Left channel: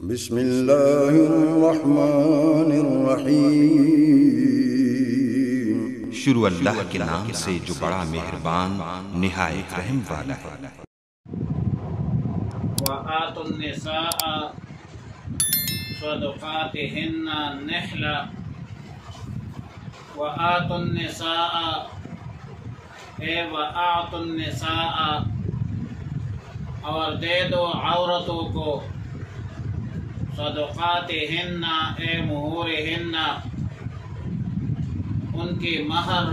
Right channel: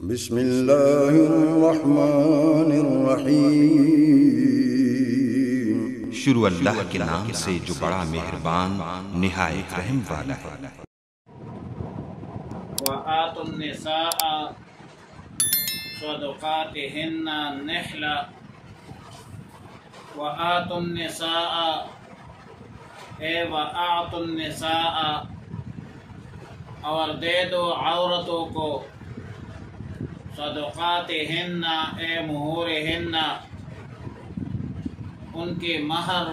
بسم اللہ الرحمن الرحیم۔ شروع اللہ کے نام سے جو بڑا مہربان نہایت رحم والا ہے۔ وآتوا النساء صدقاتهن نحلة وآتوا النساء وآتوا النساء اور دے دو عورتوں کو صدقاتهن مہورهن ان کی مہر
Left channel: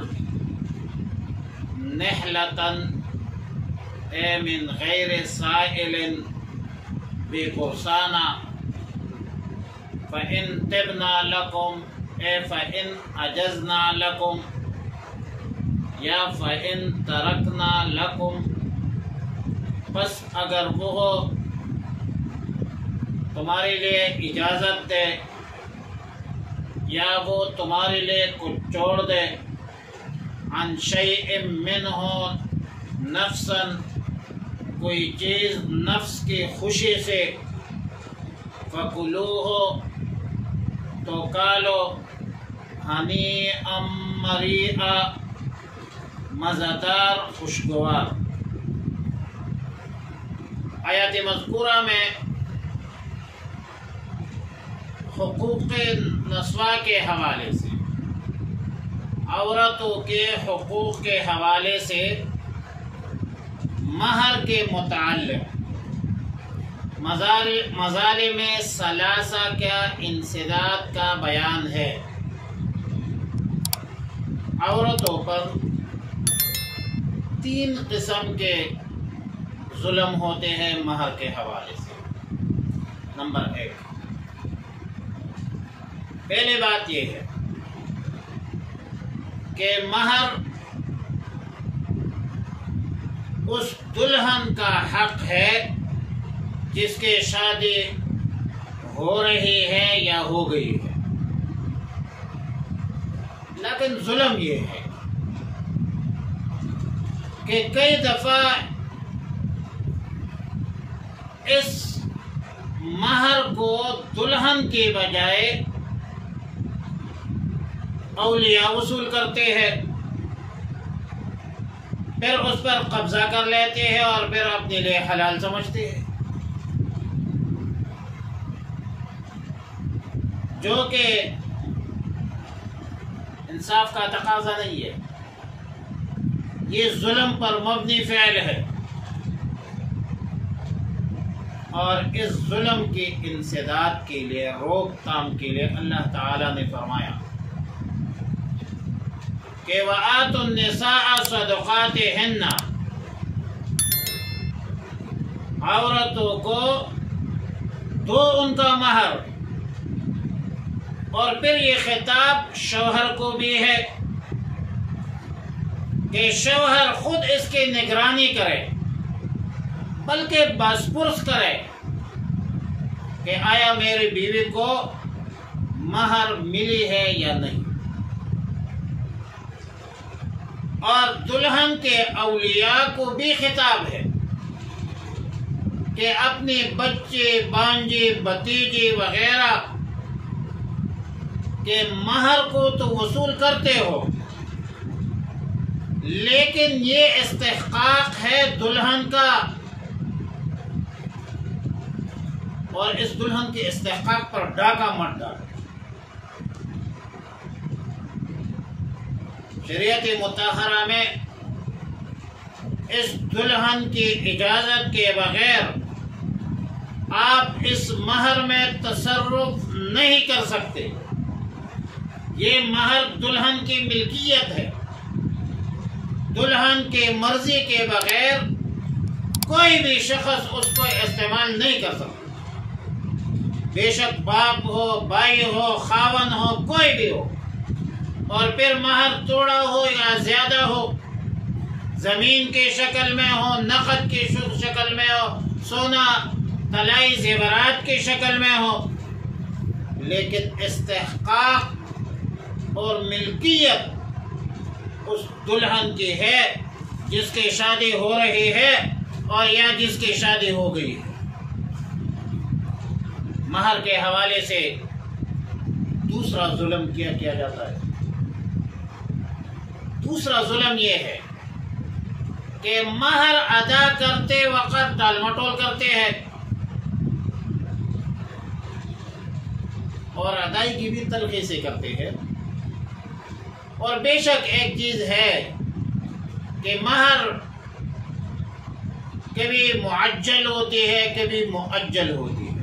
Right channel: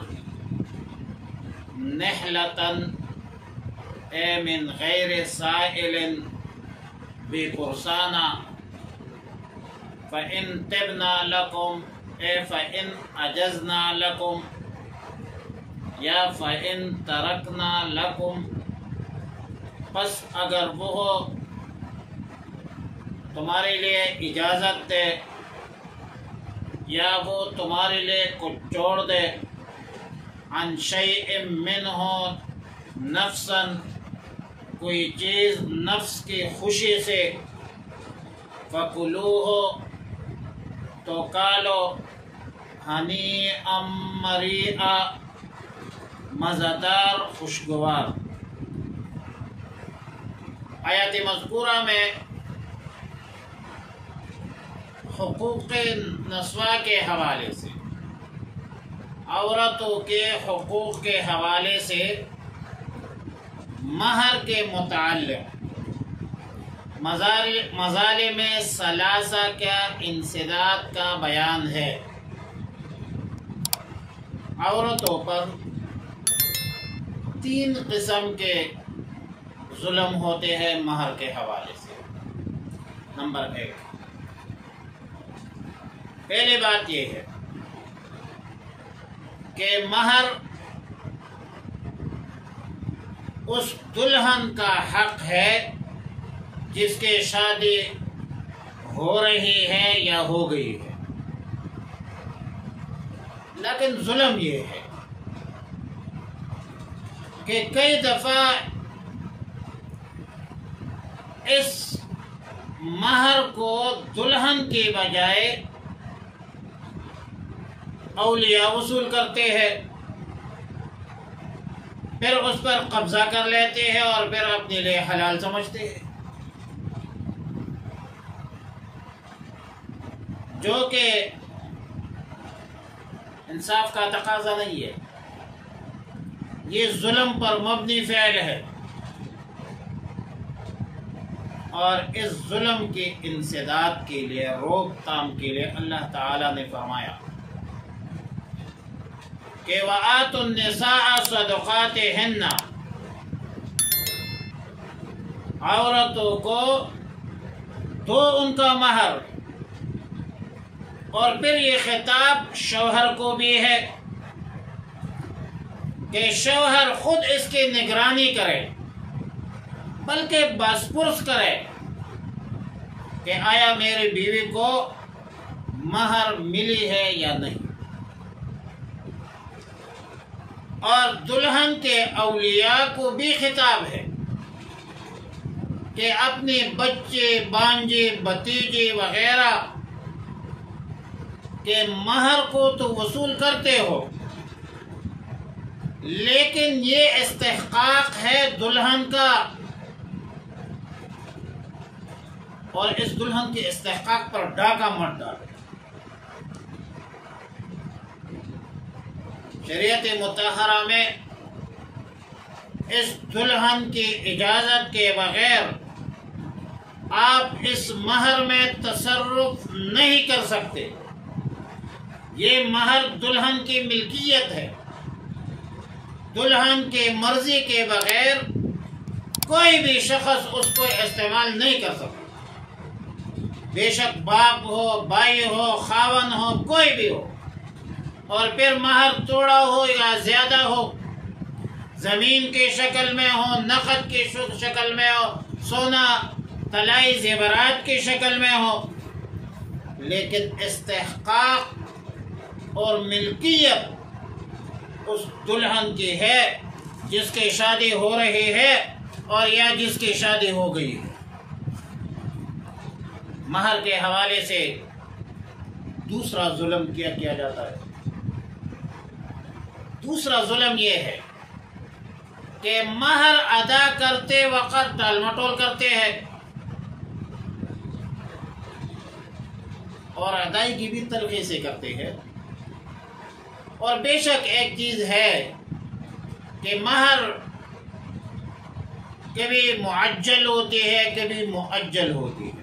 نحلتاً من غیر سائل بے پرسانہ فَإِن طِبْنَا لَكُمْ فَإِن أَجَزْنَا لَكُمْ یا فَإِن تَرَكْنَا لَكُمْ پس اگر وہ تمہارے لیے اجازت دے یا وہ تمہارے لیے کچھ چھوڑ دے عن شیء منہ نفساً کوئی چیز نفس کی خوشی سے فَكُلُوهُ تو کالو ہنیئا مریئا مزیدار خوشگوار۔ آیات مذکورہ میں حقوق نسواں کے حوالے سے، عورتوں کے حقوق کے حوالے سے مہر کے متعلق مظالم ثلاثہ کا انسداد کا بیان ہے۔ عورتوں پر 3 قسم کے ظلم ہوتے ہیں مہر کے حوالے سے۔ نمبر 1، پہلی بات یہ ہے کہ مہر اس دلہن کا حق ہے جس کی شادی ہو رہی ہے یا ہو گئی ہے، لیکن ظلم یہ ہے کہ کئی دفعہ اس مہر کو دلہن کی بجائے اولیاء وصول کرتے ہیں، پھر اس پر قبضہ کر لیتے ہیں اور پھر اپنے لیے حلال سمجھتے ہیں، جو کہ انصاف کا تقاضا نہیں ہے، یہ ظلم پر مبنی فعل ہے۔ اور اس ظلم کی انسداد کے لیے، روک تھام کے لیے اللہ تعالی نے فرمایا کہ وَآتُوا النِّسَاءَ صَدُقَاتِهِنَّ، عورتوں کو دو ان کا مہر، اور پھر یہ خطاب شوہر کو بھی ہے کہ شوہر خود اس کی نگرانی کرے، بلکہ بازپرس کرے کہ آیا میری بیوی کو مہر ملی ہے یا نہیں۔ اور دلہن کے اولیاء کو بھی خطاب ہے کہ اپنے بچے، بانجے، بھتیجے وغیرہ کے مہر کو تو وصول کرتے ہو، لیکن یہ استحقاق ہے دلہن کا، اور اس دلہن کے استحقاق پر ڈاکہ مت ڈالو۔ شریعت مطہرہ میں اس دلہن کی اجازت کے بغیر آپ اس مہر میں تصرف نہیں کر سکتے۔ یہ مہر دلہن کی ملکیت ہے، دلہن کی مرضی کے بغیر کوئی بھی شخص اس کو استعمال نہیں کر سکتا، بے شک باپ ہو، بھائی ہو، خاون ہو، کوئی بھی ہو۔ اور پھر مہر تھوڑا ہو یا زیادہ ہو، زمین کی شکل میں ہو، نقد کی شکل میں ہو، سونا طلائی زیورات کی شکل میں ہو، لیکن استحقاق اور ملکیت اس دلہن کی ہے جس کی شادی ہو رہی ہے اور یا جس کی شادی ہو گئی ہے۔ مہر کے حوالے سے دوسرا ظلم کیا جاتا ہے۔ دوسرا ظلم یہ ہے کہ مہر ادا کرتے وقت ٹال مٹول کرتے ہیں اور ادائیگی بھی تلخی سے کرتے ہیں۔ اور بے شک ایک چیز ہے کہ مہر کبھی معجل ہوتی ہے، کبھی مؤجل ہوتی ہے۔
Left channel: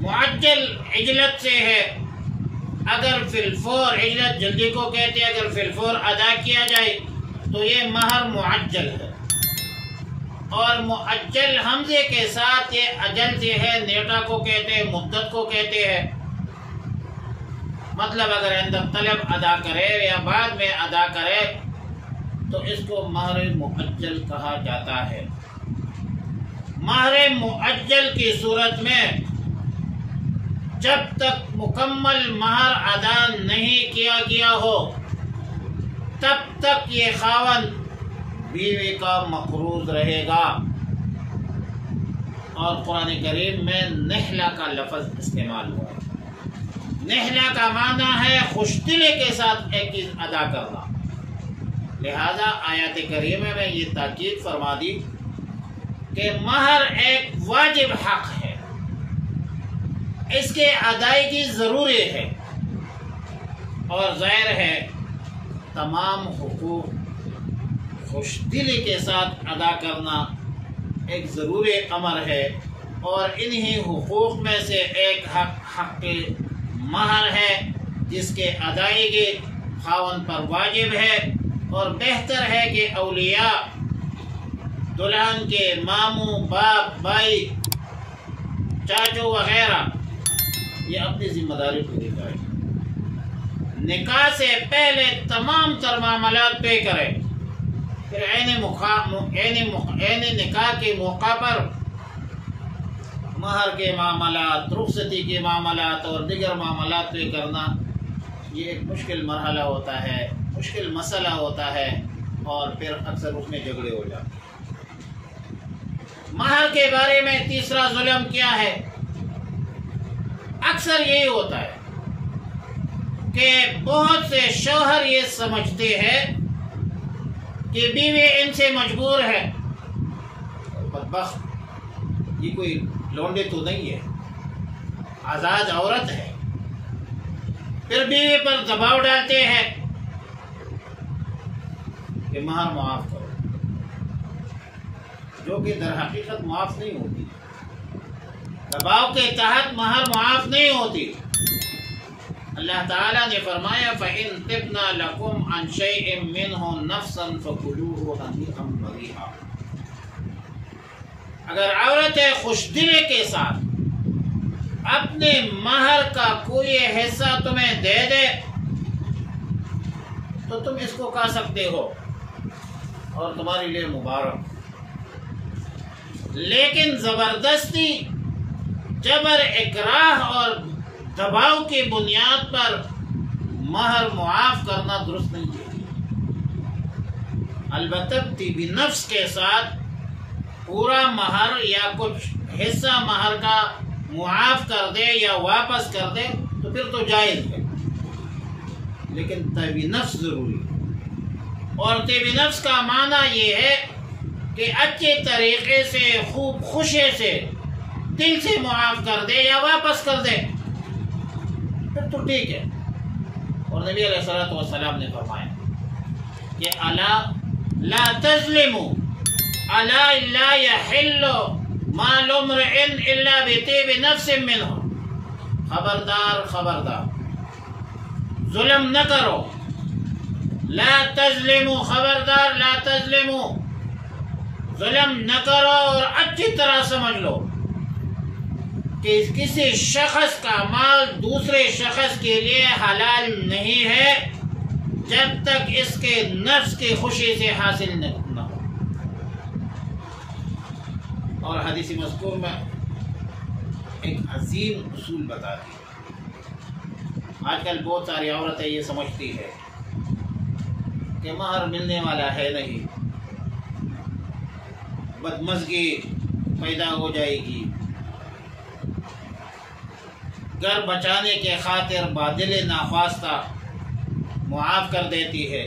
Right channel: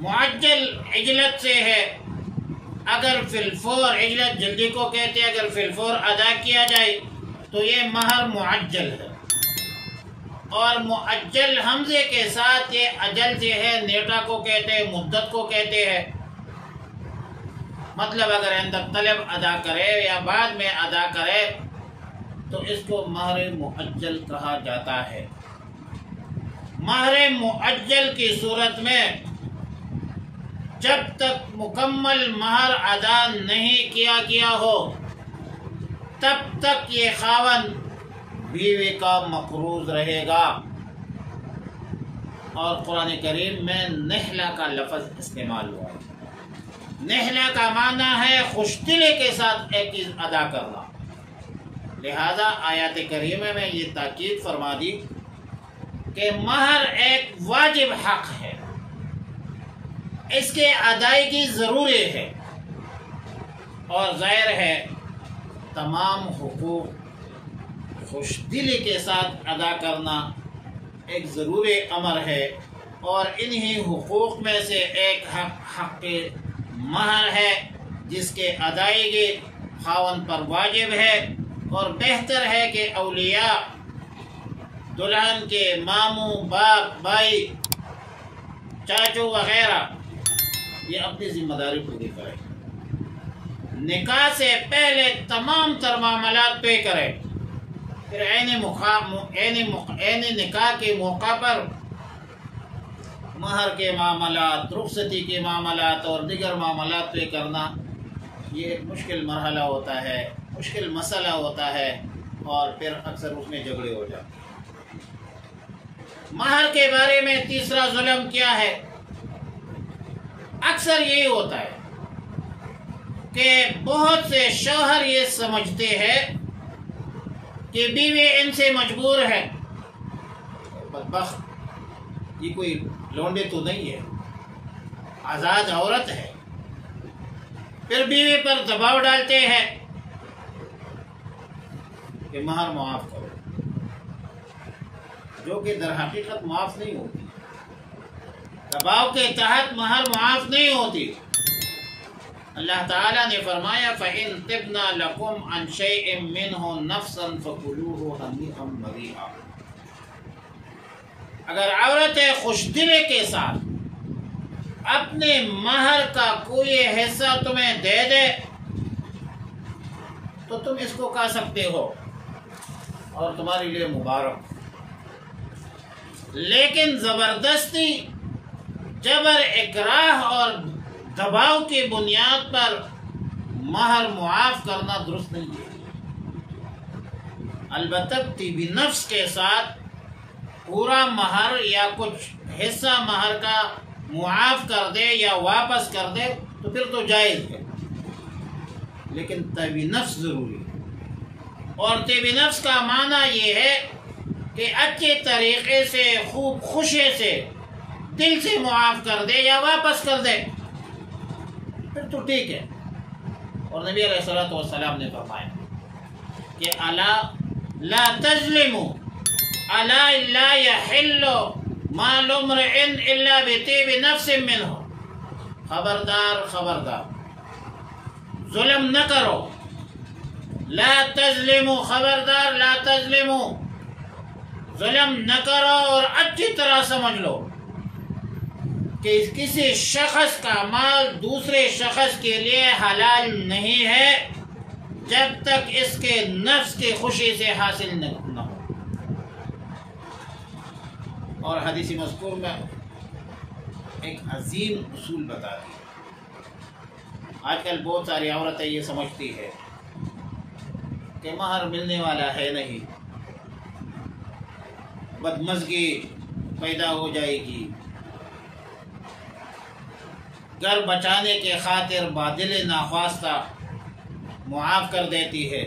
معجل عجلت سے ہے، اگر فی الفور، عجلت جلدی کو کہتے ہیں، اگر فی الفور ادا کیا جائے تو یہ مہر معجل ہے۔ اور مؤجل حمزے کے ساتھ یہ اجل سے ہے، نیٹا کو کہتے ہیں، مدت کو کہتے ہیں۔ مطلب اگر اندر طلب ادا کرے یا بعد میں ادا کرے تو اس کو مہر مؤجل کہا جاتا ہے۔ مہر مؤجل کی صورت میں جب تک مکمل مہر ادا نہیں کیا گیا ہو تب تک یہ خاوند بیوی کا مقروض رہے گا۔ اور قرآن کریم میں نحلہ کا لفظ استعمال ہوا ہے۔ نحلہ کا معنی ہے خوش دلی کے ساتھ ایک چیز ادا کرنا۔ لہذا آیات کریمہ میں یہ تاکید فرما دی کہ مہر ایک واجب حق ہے، اس کے ادائیگی ضروری ہے، اور ظاہر ہے تمام حقوق خوش دلی کے ساتھ ادا کرنا ایک ضروری امر ہے۔ اور انہی حقوق میں سے ایک حق مہر ہے جس کے ادائیگی خاوند پر واجب ہے۔ اور بہتر ہے کہ اولیاء، دلہن کے ماموں، باپ، بھائی، چاچو وغیرہ یہ اپنی ذمہ داری پوری کریں، نکاح سے پہلے تمام تر معاملات طے کریں، پھر عین نکاح کے موقع پر مہر کے معاملات، رخصتی کے معاملات اور دیگر معاملات طے کرنا یہ ایک مشکل مرحلہ ہوتا ہے، مشکل مسئلہ ہوتا ہے، اور پھر اکثر اس میں جھگڑے ہو جاتے ہیں۔ مہر کے بارے میں تیسرا ظلم کیا ہے؟ اکثر یہی ہوتا ہے کہ بہت سے شوہر یہ سمجھتے ہیں کہ بیوی ان سے مجبور ہے، بدبخت یہ کوئی لونڈے تو نہیں ہے، آزاد عورت ہے، پھر بیوی پر دباؤ ڈالتے ہیں کہ مہر معاف کرو، جو کہ در حقیقت معاف نہیں ہوتی، دباؤ کے تحت مہر معاف نہیں ہوتی۔ اللہ تعالیٰ نے فرمایا فَإِن تِبْنَا لَكُمْ عَنْ شَيْءٍ مِّنْهُ نَفْسًا فَكُلُوهُ هَنِيئًا مَرِيئًا۔ اگر عورتیں خوش دلی کے ساتھ اپنے مہر کا کوئی حصہ تمہیں دے دے تو تم اس کو کھا سکتے ہو اور تمہارے لیے مبارک، لیکن زبردستی، جبر، اکراہ اور دباؤ کی بنیاد پر مہر معاف کرنا درست نہیں ہے۔ البتہ طیب نفس کے ساتھ پورا مہر یا کچھ حصہ مہر کا معاف کر دے یا واپس کر دے تو پھر تو جائز ہے، لیکن طیب نفس ضروری ہے۔ اور طیب نفس کا معنی یہ ہے کہ اچھے طریقے سے، خوب خوشی سے، دل سے معاف کر دے یا واپس کر دے پھر تو ٹھیک ہے۔ اور نبی علیہ الصلوۃ والسلام نے فرمایا کہ الا لا تظلموا، الا لا يحل مال امرئ الا بطیب نفس منه، خبردار خبردار ظلم نہ کرو، لا تظلموا، خبردار لا تظلموا، ظلم نہ کرو، اور اچھی طرح سمجھ لو کہ کسی شخص کا مال دوسرے شخص کے لیے حلال نہیں ہے جب تک اس کے نفس کی خوشی سے حاصل نہ ہو۔ اور حدیث مذکور میں ایک عظیم اصول بتاتی ہے۔ آج کل بہت ساری عورتیں یہ سمجھتی ہے کہ مہر ملنے والا ہے نہیں، بدمزگی پیدا ہو جائے گی، گھر بچانے کے خاطر بادل ناخواستہ معاف کر دیتی ہے،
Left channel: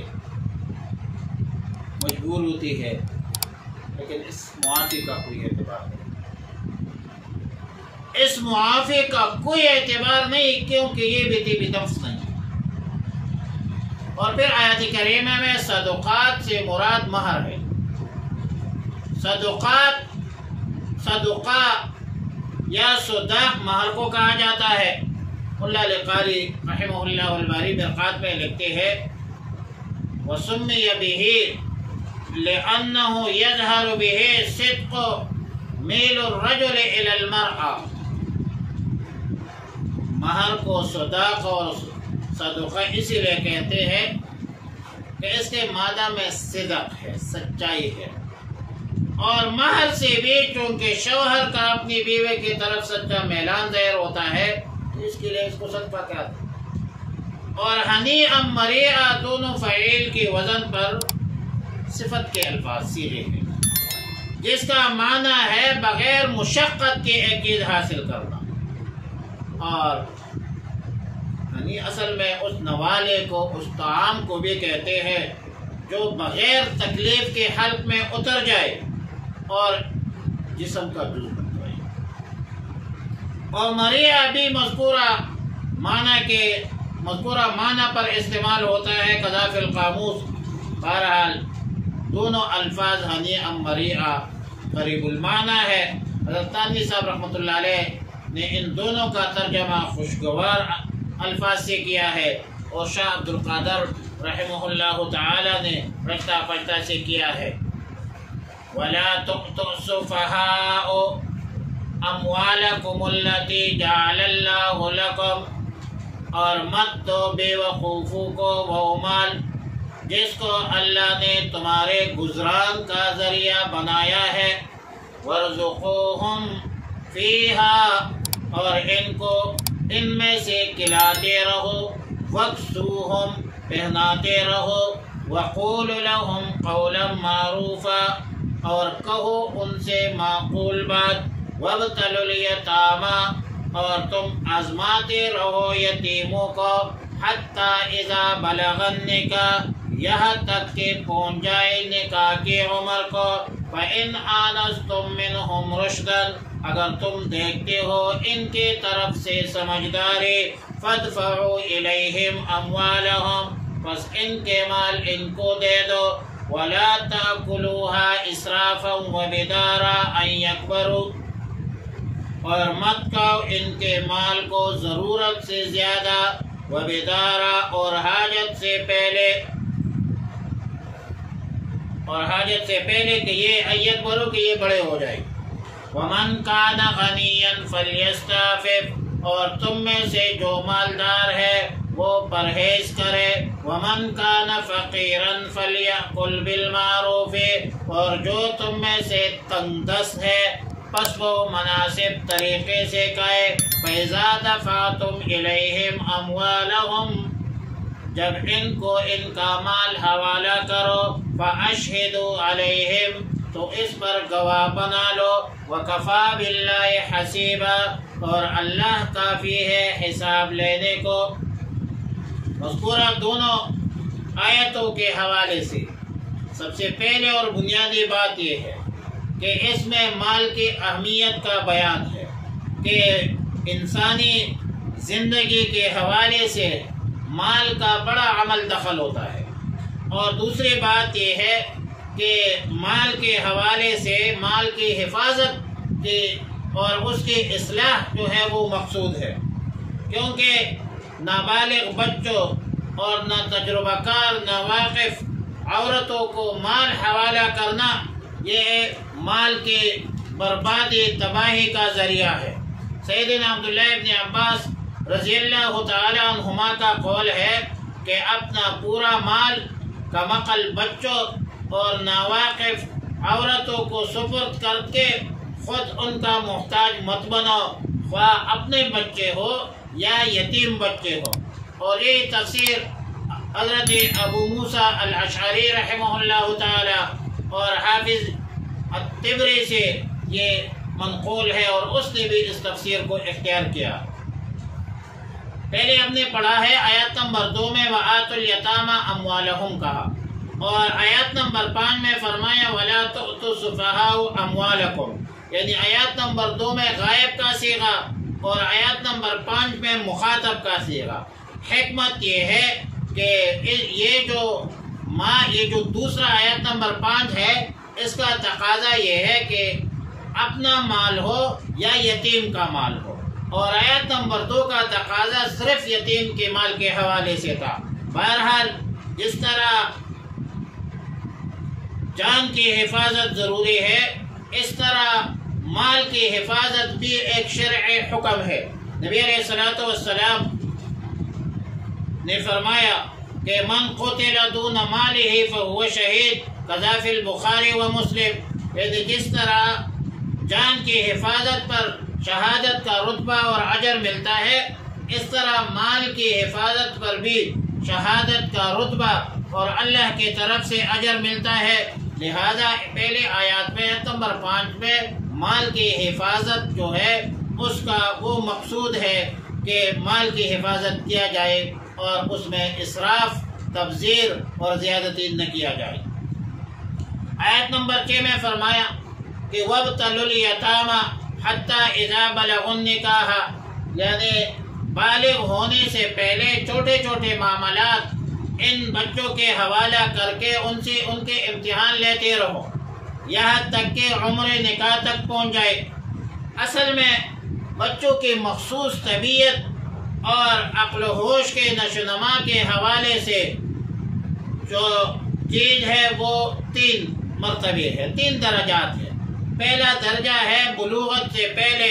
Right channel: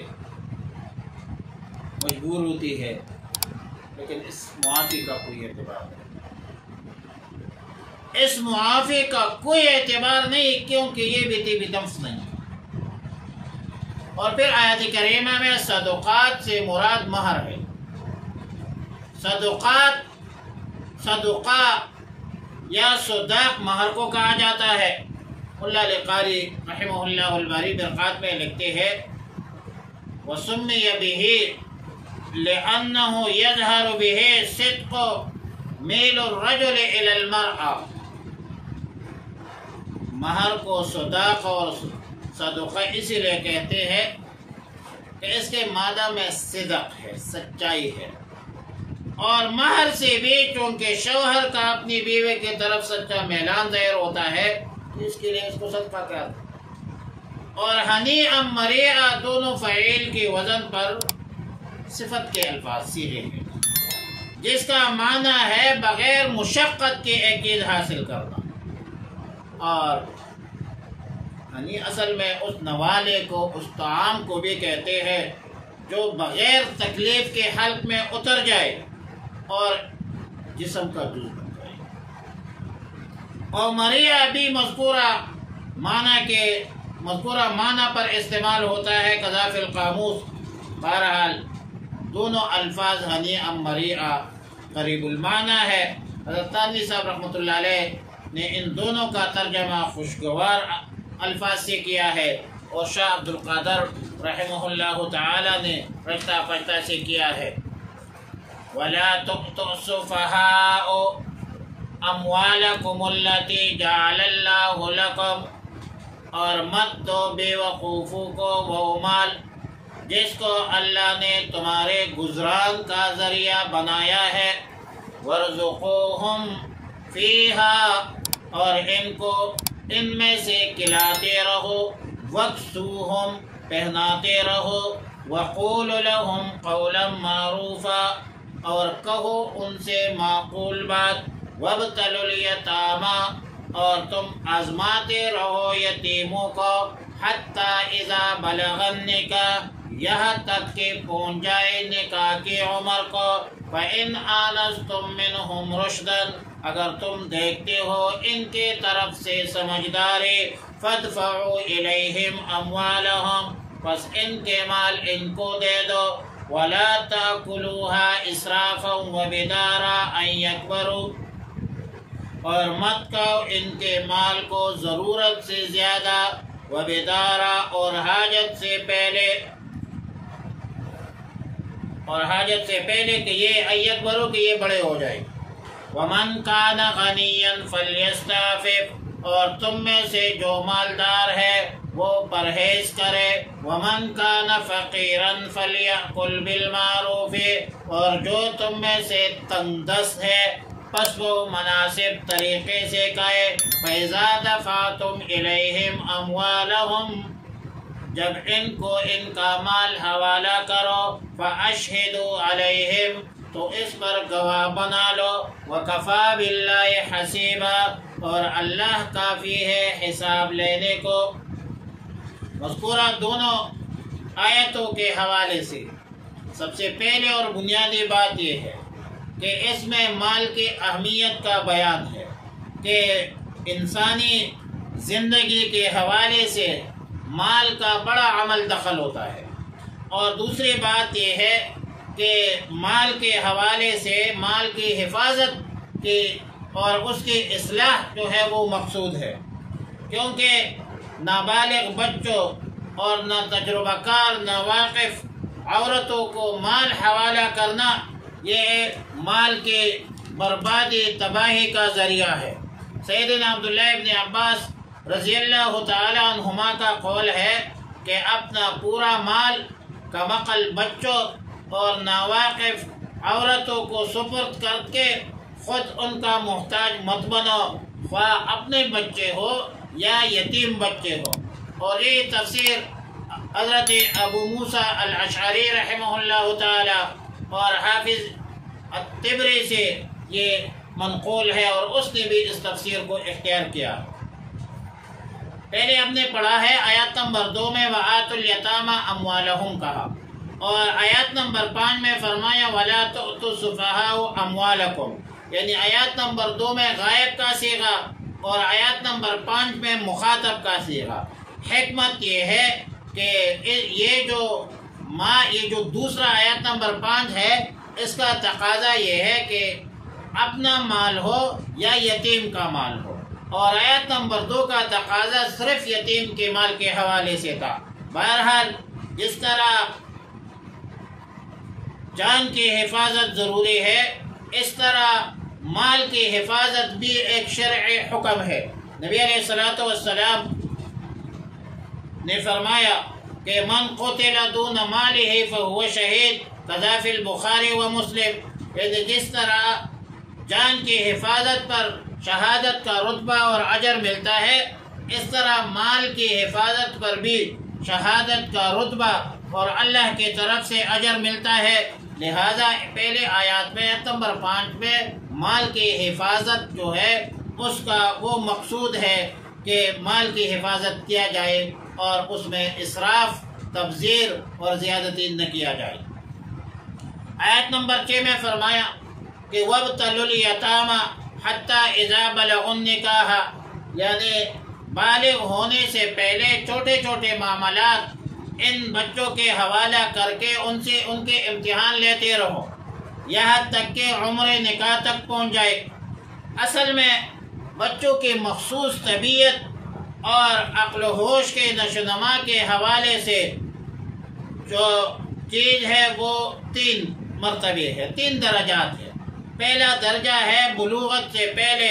مجبور ہوتی ہے، لیکن اس معافی کا کوئی اعتبار نہیں، اس معافی کا کوئی اعتبار نہیں، کیونکہ یہ بھی طیب نفس نہیں۔ اور پھر آیت کریمہ میں صدقات سے مراد مہر ہے۔ صدقہ یا صداق مہر کو کہا جاتا ہے۔ اللہ علی قاری رحمہ اللہ الباری برقات میں لکھتے ہیں وَسُمِّيَ بِهِ لِأَنَّهُ يَظْهَرُ بِهِ صِدْقُ مِيلُ الرَّجُلِ إِلَى الْمَرْأَةِ۔ مہر کو صداق اور صدقہ اسی لیے کہتے ہیں کہ اس کے مادہ میں صدق ہے، سچائی ہے، اور مہر سے بھی چونکہ شوہر کا اپنی بیوی کی طرف سچا میلان ظاہر ہوتا ہے، اس کے لیے اس کو صدقہ کہتے ہیں۔ اور ہنیئا مریئا دونوں فعیل کی وزن پر صفت کے الفاظ سیدھے ہیں، جس کا معنی ہے بغیر مشقت کے ایک چیز حاصل کرنا۔ اور یعنی اصل میں اس نوالے کو، اس طعام کو بھی کہتے ہیں جو بغیر تکلیف کے حلق میں اتر جائے اور جسم کا جز بن جائے۔ اور مریہ بھی مذکورہ معنی پر استعمال ہوتا ہے قضا فی القاموس۔ بہرحال دونوں الفاظ ہنیئا مریئا قریب المعنی ہے۔ حضرت تانوی صاحب رحمۃ اللہ علیہ نے ان دونوں کا ترجمہ خوشگوار الفاظ سے کیا ہے، اور شاہ عبد القادر رحمہ اللہ تعالی نے رشتہ پشتہ سے کیا ہے۔ وَلَا تُؤْتُوا السُّفَهَاءَ أَمْوَالَكُمُ الَّتِي جَعَلَ اللَّهُ لَكُمْ، اور مت دو بے وقوفوں کو وہ مال جس کو اللہ نے تمہارے گزران کا ذریعہ بنایا ہے۔ وَارْزُقُوهُمْ فِيهَا، اور ان کو ان میں سے کھلاتے رہو۔ وَاكْسُوهُمْ، پہناتے رہو۔ وَقُولُوا لَهُمْ قَوْلًا مَعْرُوفًا، اور کہو ان سے معقول بات۔ وَابْتَلُوا الْيَتَامَىٰ، اور تم آزماتے رہو یتیموں کو۔ حَتَّىٰ إِذَا بَلَغَ النِّكَاحَ، یہاں تک کہ پہنچ جائے نکاح کی عمر کو۔ فَإِنْ آنَسْتُم مِّنْهُمْ رُشْدًا، اگر تم دیکھتے ہو ان کی طرف سے سمجھداری۔ فَادْفَعُوا إِلَيْهِمْ أَمْوَالَهُمْ، پس ان کے مال ان کو دے دو۔ وَلَا تَأْكُلُوهَا إِسْرَافًا وَبِدَارًا أَن يَكْبَرُوا، اور مت کھاؤ ان کے مال کو ضرورت سے زیادہ۔ وَبِدَارًا، اور حاجت سے پہلے کہ یہ أن يكبروا کہ یہ بڑے ہو جائیں۔ وَمَنْ كَانَ غَنِيًّا فَلْيَسْتَعْفِفْ، اور تم میں سے جو مالدار ہے وہ پرہیز کرے۔ وَمَنْ كَانَ فَقِيرًا فَلْيَأْكُلْ بِالْمَعْرُوفِ، اور جو تم میں سے تنگ دست ہے پس وہ مناسب طریقے سے کھائے۔ فَإِذَا دَفَعْتُمْ إِلَيْهِمْ أَمْوَالَهُمْ، جب ان کو ان کا مال حوالہ کرو۔ فَأَشْهِدُوا عَلَيْهِمْ، تو اس پر گواہ بنا لو۔ وَكَفَىٰ بِاللَّهِ حَسِيبًا، اور اللہ کافی ہے حساب لینے کو۔ مذکورہ دونوں آیتوں کے حوالے سے سب سے پہلے اور بنیادی بات یہ ہے کہ اس میں مال کی اہمیت کا بیان ہے کہ انسانی زندگی کے حوالے سے مال کا بڑا عمل دخل ہوتا ہے۔ اور دوسری بات یہ ہے کہ مال کے حوالے سے مال کی حفاظت کی اور اس کی اصلاح جو ہے وہ مقصود ہے، کیونکہ نابالغ بچوں اور نہ تجربہ کار نہ واقف عورتوں کو مال حوالہ کرنا یہ مال کی بربادی تباہی کا ذریعہ ہے۔ سیدنا عبداللہ ابن عباس رضی اللہ تعالی عنہما کا قول ہے کہ اپنا پورا مال کمقل بچوں اور ناواقف عورتوں کو سپرد کر کے خود ان کا محتاج مت بنو، خواہ اپنے بچے ہو یا یتیم بچے ہو۔ اور یہ تفسیر حضرت ابو موسیٰ الاشعری رحمہ اللہ تعالی اور حافظ الطبری سے یہ منقول ہے، اور اس نے بھی اس تفسیر کو اختیار کیا۔ پہلے ہم نے پڑھا ہے آیات نمبر 2 میں وَآتُوا الْيَتَامَى أَمْوَالَهُمْ کہا، اور آیات نمبر 5 میں فرمایا وَلَا تُؤْتُوا السُّفَهَاءَ أَمْوَالَكُمْ، یعنی آیات نمبر 2 میں غائب کا صیغہ اور آیات نمبر 5 میں مخاطب کا صیغہ۔ حکمت یہ ہے کہ یہ جو دوسرا آیت نمبر 5 ہے، اس کا تقاضا یہ ہے کہ اپنا مال ہو یا یتیم کا مال ہو، اور آیت نمبر 2 کا تقاضا صرف یتیم کے مال کے حوالے سے تھا۔ بہرحال جس طرح جان کی حفاظت ضروری ہے، اس طرح مال کی حفاظت بھی ایک شرعی حکم ہے۔ نبی علیہ السلام نے فرمایا کہ من قتل دون مالہ فہو شہید، کذا فی البخاری و مسلم، یعنی جس طرح جان کی حفاظت پر شہادت کا رتبہ اور اجر ملتا ہے، اس طرح مال کی حفاظت پر بھی شہادت کا رتبہ اور اللہ کی طرف سے اجر ملتا ہے۔ لہذا پہلے آیات میں نمبر 5 میں مال کی حفاظت جو ہے اس کا وہ مقصود ہے کہ مال کی حفاظت کیا جائے اور اس میں اسراف، تبذیر اور زیادتی نہ کیا جائے۔ آیت نمبر 6 میں فرمایا کہ وَابْتَلُوا الْيَتَامَى حَتَّى إِذَا بَلَغُوا النِّكَاحَ، یعنی بالغ ہونے سے پہلے چھوٹے چھوٹے معاملات ان بچوں کے حوالہ کر کے ان سے ان کے امتحان لیتے رہو یہاں تک کہ عمر نکاح تک پہنچ جائے۔ اصل میں بچوں کی مخصوص طبیعت اور عقل و ہوش کے نشوونما کے حوالے سے جو چیز ہے وہ 3 مرتبے ہے، 3 درجات ہے۔ پہلا درجہ ہے بلوغت سے پہلے،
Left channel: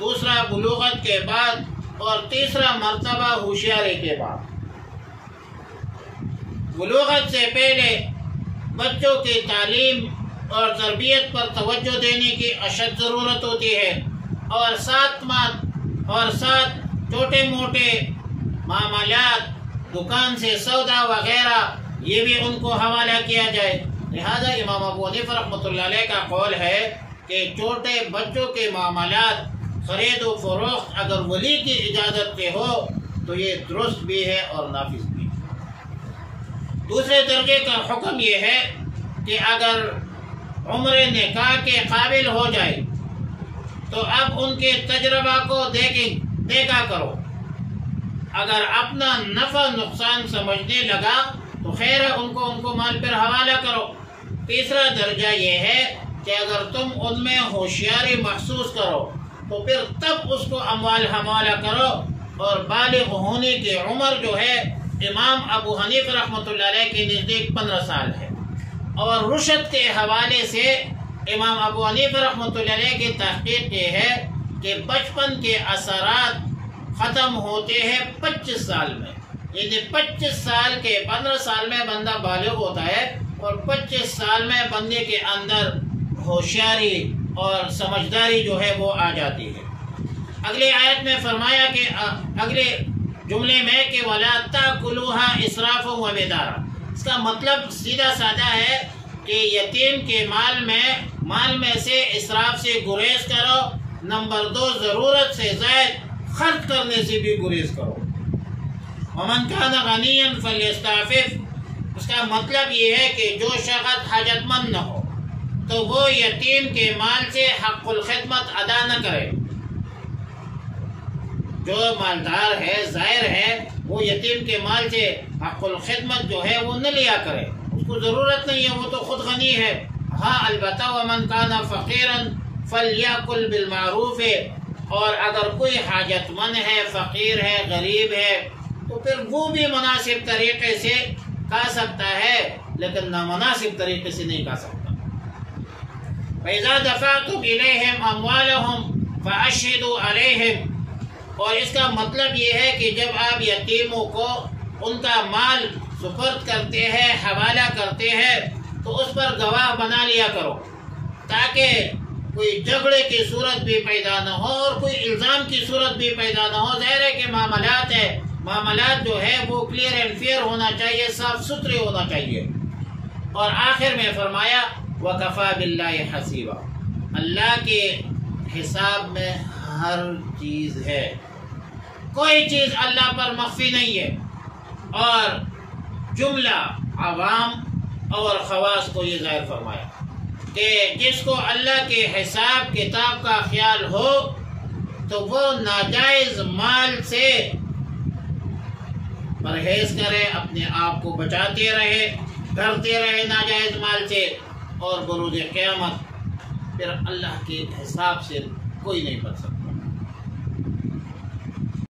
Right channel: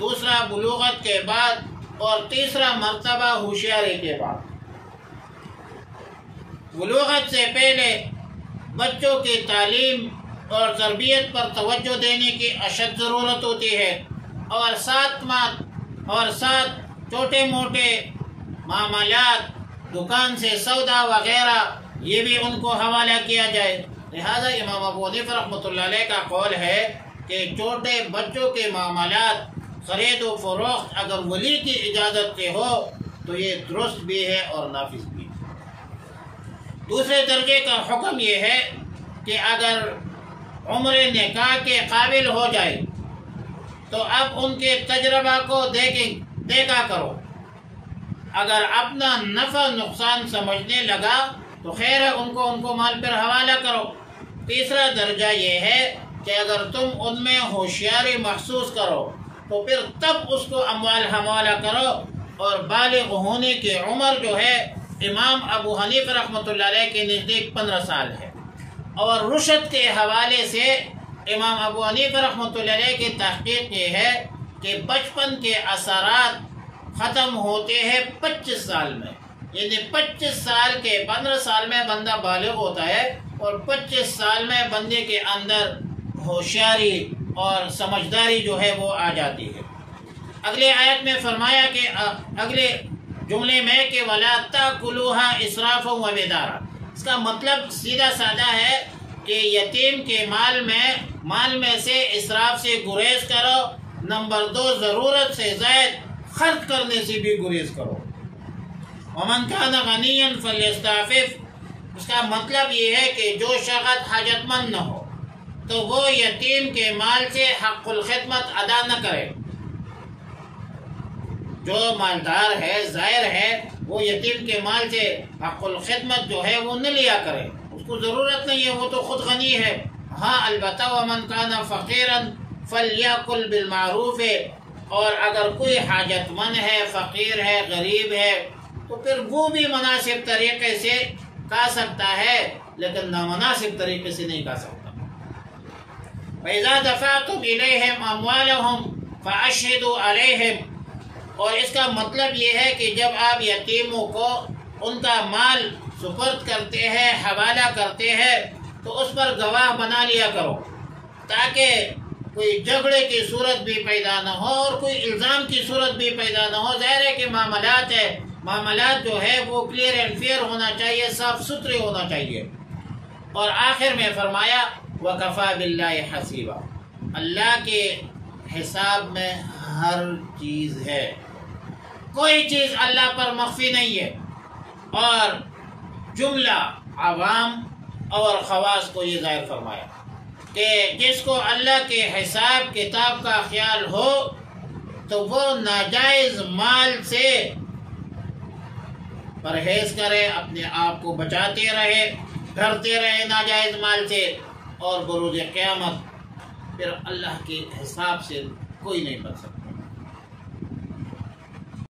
دوسرا بلوغت کے بعد، اور تیسرا مرتبہ ہوشیاری کے بعد۔ بلوغت سے پہلے بچوں کی تعلیم اور تربیت پر توجہ دینے کی اشد ضرورت ہوتی ہے، اور ساتھ چھوٹے موٹے معاملات، دکان سے سودا وغیرہ، یہ بھی ان کو حوالہ کیا جائے۔ لہذا امام ابو حنیفہ رحمۃ اللہ علیہ کا قول ہے کہ چھوٹے بچوں کے معاملات، خرید و فروخت اگر ولی کی اجازت سے ہو تو یہ درست بھی ہے اور نافذ بھی ہے۔ دوسرے درجے کا حکم یہ ہے کہ اگر عمر نکاح کے قابل ہو جائے تو اب ان کے تجربہ کو دیکھا کرو، اگر اپنا نفع نقصان سمجھنے لگا تو خیر ہے، ان کو مال پر حوالہ کرو۔ تیسرا درجہ یہ ہے کہ اگر تم ان میں ہوشیاری محسوس کرو تو پھر تب اس کو اموال حوالہ کرو، اور بالغ ہونے کی عمر جو ہے امام ابو حنیفہ رحمۃ اللہ علیہ کے نزدیک 15 سال ہے، اور رشد کے حوالے سے امام ابو حنیفہ رحمۃ اللہ علیہ کی تحقیق یہ ہے کہ بچپن کے اثرات ختم ہوتے ہیں 25 سال میں، یعنی 25 سال کے 15 سال میں بندہ بالغ ہوتا ہے، اور 25 سال میں بندے کے اندر ہوشیاری اور سمجھداری جو ہے وہ آ جاتی ہے۔ اگلے آیت میں فرمایا کہ اگلے جملے میں کہ وَلَا تَأْكُلُوهَا إِسْرَافًا وَبِدَارًا، اس کا مطلب سیدھا سادہ ہے کہ یتیم کے مال میں سے اسراف سے گریز کرو، نمبر 2 ضرورت سے زائد خرچ کرنے سے بھی گریز کرو۔ وَمَنْ كَانَ غَنِيًّا فَلْيَسْتَعْفِفْ، اس کا مطلب یہ ہے کہ جو شخص حاجت مند نہ ہو تو وہ یتیم کے مال سے حق الخدمت ادا نہ کرے۔ جو مالدار ہے، زائر ہے، وہ یتیم کے مال سے حق الخدمت جو ہے وہ نہ لیا کرے، اس کو ضرورت نہیں ہے، وہ تو خود غنی ہے۔ ہاں البتہ وَمَنْ كَانَ فَقِيرًا فَلْيَأْكُلْ بِالْمَعْرُوفِ، اور اگر کوئی حاجت مند ہے، فقیر ہے، غریب ہے، تو پھر وہ بھی مناسب طریقے سے کھا سکتا ہے، لیکن نامناسب طریقے سے نہیں کھا سکتا۔ وَإِذَا دَفَعْتُمْ إِلَيْهِمْ أَمْوَالَهُمْ فَأَشْهِدُوا عَلَيْهِمْ، اور اس کا مطلب یہ ہے کہ جب آپ یتیموں کو ان کا مال سپرد کرتے ہیں، حوالہ کرتے ہیں، تو اس پر گواہ بنا لیا کرو، تاکہ کوئی جھگڑے کی صورت بھی پیدا نہ ہو اور کوئی الزام کی صورت بھی پیدا نہ ہو۔ ظاہر ہے کہ معاملات جو ہے وہ کلیئر اینڈ فیئر ہونا چاہیے، صاف ستھرے ہونا چاہیے۔ اور آخر میں فرمایا وَكَفَى بِاللَّهِ حَسِيبًا، اللہ کے حساب میں ہر چیز ہے۔ کوئی چیز اللہ پر مخفی نہیں ہے، اور جملہ عوام اور خواص کو یہ ظاہر فرمایا کہ جس کو اللہ کے حساب کتاب کا خیال ہو تو وہ ناجائز مال سے پرہیز کرے، اپنے آپ کو بچاتے رہے، ڈرتے رہے ناجائز مال سے، اور بروز قیامت پھر اللہ کے حساب سے کوئی نہیں بچ سکتا۔